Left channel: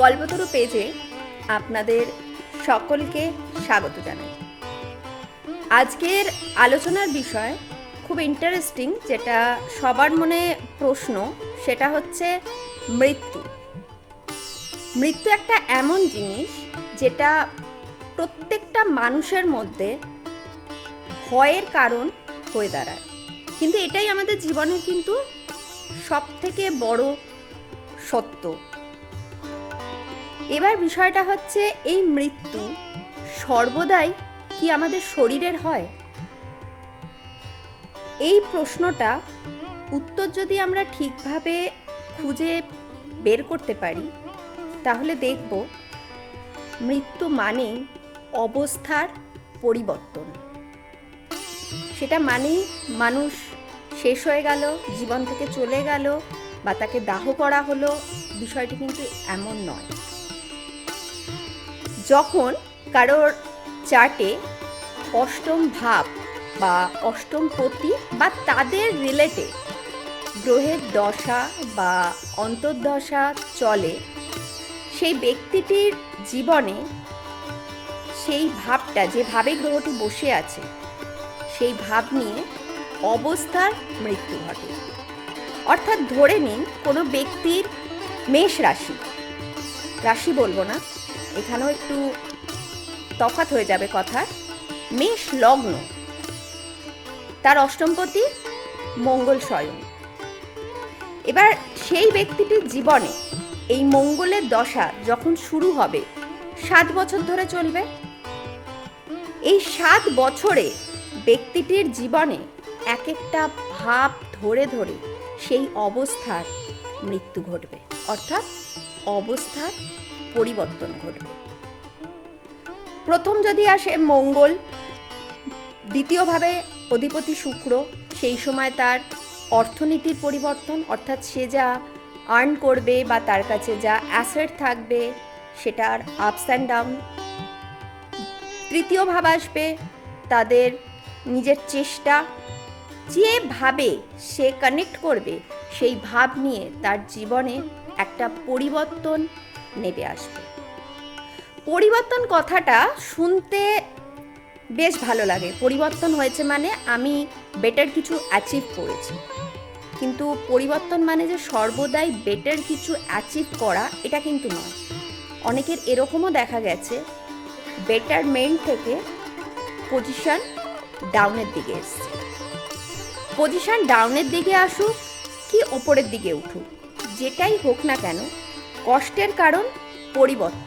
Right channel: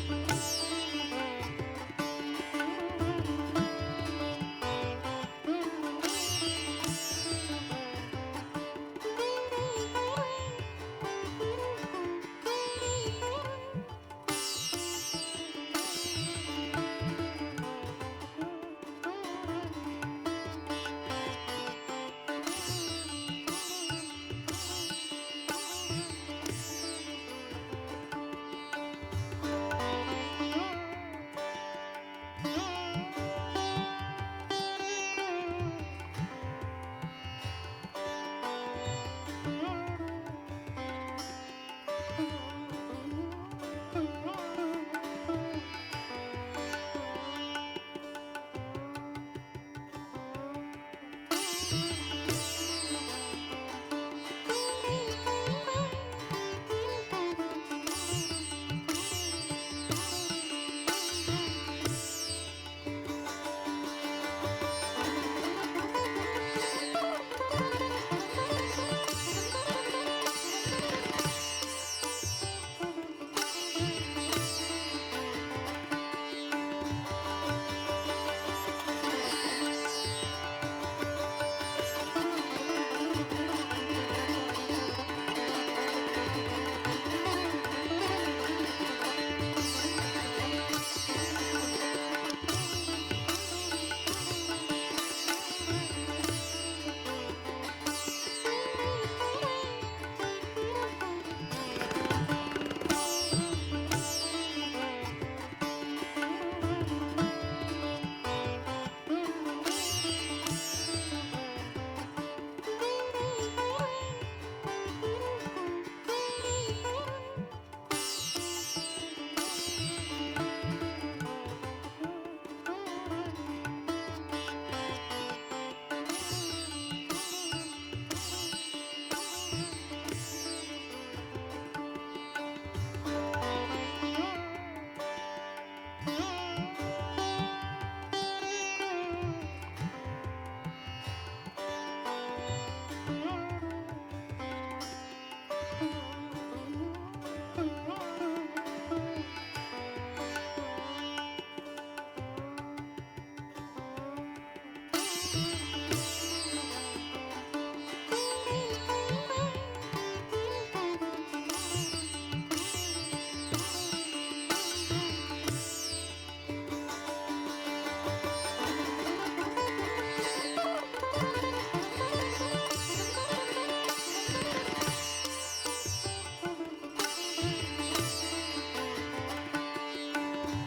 কল্পতরু পেজে আপনাদের সকলকে স্বাগত জানাই। আজকের আলোচনার বিষয় খুব ইন্টারেস্টিং, যেটা সবার মনে প্রশ্ন, সেটা হচ্ছে মৃত্যু। মৃত্যু একটা এমন জিনিস যেটা প্রত্যেকটা মানুষের মধ্যে ভয়ের কারণ হয়ে দাঁড়ায়, কিন্তু এটাই আমাদের জীবনের কিন্তু সবথেকে বড় সত্য। এবার বিষয়টা হচ্ছে, এই মৃত্যু সর্বদাই কি আমাদের শরীরের হয়? এই প্রশ্নটা উত্তর যদি আমরা ঠিকভাবে খুঁজে বের করতে পারি, তাহলে দেখব মৃত্যু মানে অবস্থার পরিবর্তন। সেটা মানেই মানুষ শেষ হয়ে গেল, জীবন থেকে চলে গেল, বা তাকে দাহ করা হলো, বিষয়টি কিন্তু এমন নয়। যখন কারোর চার্টে অষ্টম ভাব বা অষ্টম পতি বা তাদের রিলেটেড গ্রহের দশা বা অন্তর্দশা চলে, সেই ব্যক্তিটির জীবনে সেই ভাবটা, যে ভাবে গ্রহটি বসে আছে, সেই ভাব নিয়ে অবস্থার মৃত্যু ঘটে। অর্থাৎ ধরে নিন কোনো ব্যক্তির মেষ রাশি, রাশি বলবো না, এখানেও একটু তফাৎ হয়ে যাবে কথা, মেষ লগ্ন, তার অষ্টমপতি মঙ্গল স্বয়ং। এবার সেই ব্যক্তিটির জীবনে এই মঙ্গলের দশা যখন শুরু হবে, 7 বছর ধরে চলবে। এই 7 বছরে ব্যক্তিটির জীবনে এক একটা ভাব ধরে ধরে সেই অবস্থার মৃত্যু ঘটবে, অর্থাৎ অবস্থার পরিবর্তন ঘটবে। প্রথম যদি আসে মঙ্গল, দ্বিতীয়ভাবে অধিপতি শুক্র, সেই সময় তার অর্থনীতির পরিবর্তন, অর্থাৎ সে যা আর্ন করবে বা তার কাছে যা অ্যাসেট থাকবে সেটার আপস অ্যান্ড ডাউন। তৃতীয় ভাব আসবে তাদের নিজের চেষ্টা, যেভাবে সে কানেক্ট করবে সেই ভাব নিয়ে তার জীবনে একটা পরিবর্তন নেমে আসবে। পরিবর্তন কথাটা শুনতে বেশ ভালো লাগে, পরিবর্তন হয়েছে মানে আমি বেটার কিছু অ্যাচিভ করেছি। কিন্তু পরিবর্তন মানে যে সর্বদাই বেটার কিছু অ্যাচিভ করা, এটা কিন্তু নয়। অনেকের এরকমও দেখা গেছে বেটারমেন্ট থেকে পজিশন ডাউনের দিকে এসছে। পজিশন ডাউনের দিকে আসুক কি ওপরের দিকে উঠুক, যেটাই হোক না কেন, কষ্টের কারণ পরিবর্তন।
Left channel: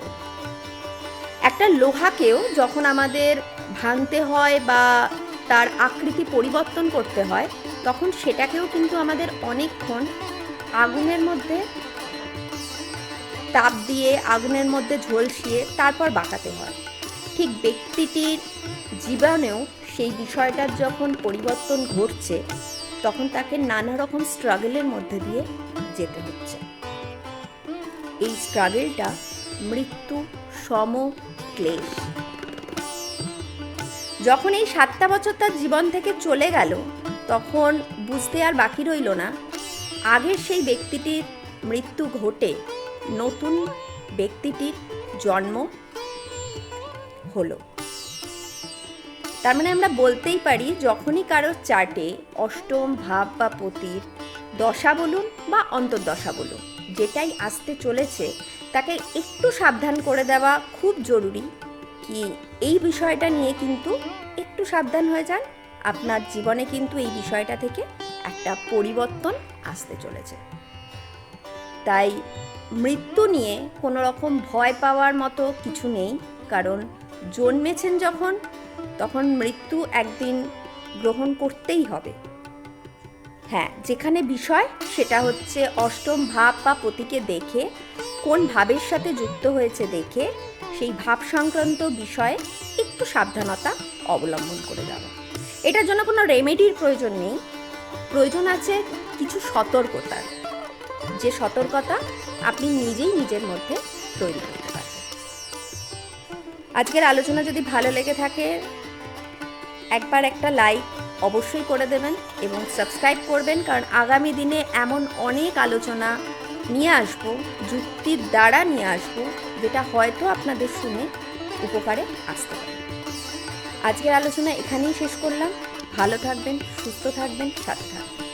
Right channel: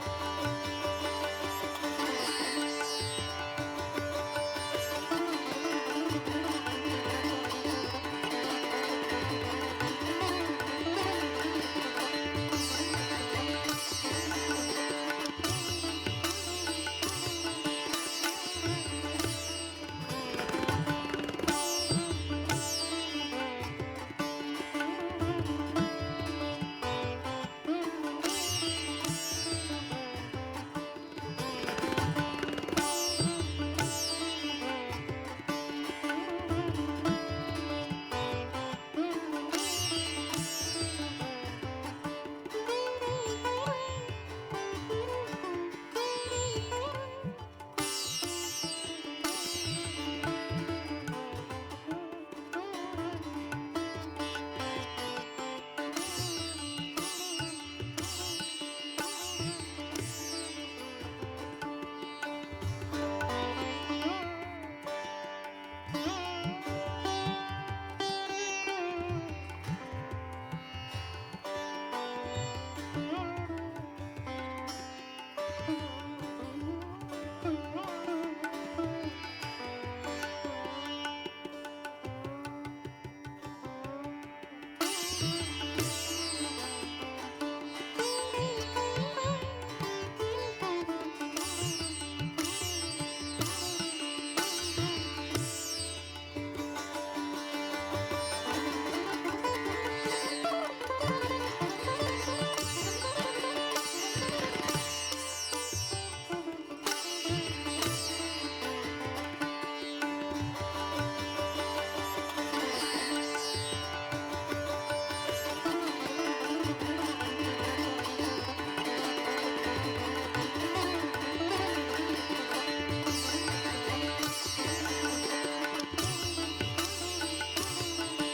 একটা লোহাকেও যখন আমাদের ভাঙতে হয় বা তার আকৃতি পরিবর্তন করতে হয়, তখন সেটাকেও কিন্তু আমাদের অনেকক্ষণ আগুনের মধ্যে তাপ দিয়ে, আগুনের মধ্যে ঝলসিয়ে তারপর বাঁকাতে হয়। ঠিক ব্যক্তিটির জীবনেও সেই বিষয়টার যখন পরিবর্তন ঘটছে, তখন তাকে নানা রকম স্ট্রাগলের মধ্যে দিয়ে যেতে হচ্ছে। এই স্ট্রাগলটা মৃত্যু সম ক্লেশ। যখন এই 7টা বছর তার জীবন থেকে চলে গেল, তখন বুঝতে আর বাকি রইল না, আগের সেই ব্যক্তিটির মৃত্যু ঘটে নতুন ব্যক্তিটির জন্ম হলো। তার মানে আমরা বলতেই পারি, যখনই কারোর চার্টে অষ্টম ভাব বা পতির দশা বলুন বা অন্তর্দশা বলুন, যেটাই আসতে চলেছে, তাকে একটু সাবধান করে দেওয়া খুব জরুরি। কি এই বিষয়টা নিয়ে কিন্তু একটু সাবধান হয়ে যান, আপনার জীবনে কিন্তু এই বিষয়টা থেকে একটা পরিবর্তন আসতে চলেছে। তাই মৃত্যু নিয়ে কোনো রকম ভয় পাওয়ার মতো কিছু নেই, কারণ জন্মেছেন যখন, তখন মৃত্যু একদিন গ্রহণ করতেই হবে। হ্যাঁ, যেখানে বিষয় সেটা হচ্ছে অষ্টম ভাব বা পতিকে দেখে, কোন ভাবের সাথে যুক্ত হয়েছে দেখে, সেই ভাব সংক্রান্ত বিষয়ে একটু সাবধানতা অবলম্বন করে যাবে। এটার জন্য কোনো রেমেডির প্রয়োজন নেই, প্রয়োজন আছে কিছু সতর্কতার, যে সতর্কতা আপনি নিজেই নিজের মধ্যে তৈরি করতে পারেন। আজকের আলোচনা যদি ভালো লেগে থাকে, একবার একটা লাইক অবশ্যই করে দেবেন এবং সাবস্ক্রাইব করবেন, কারণ আগামী দিনে এমন অনেক আলোচনা নিয়ে আসবো, যুক্তির দ্বারা নিয়ে আসবো, যেটা হয়তো আপনাদের শুনে উপকারে আসতে পারে। আজকের আলোচনা এখানেই শেষ করলাম। ভালো থাকবেন, সুস্থ থাকবেন, সাথে থাকবেন।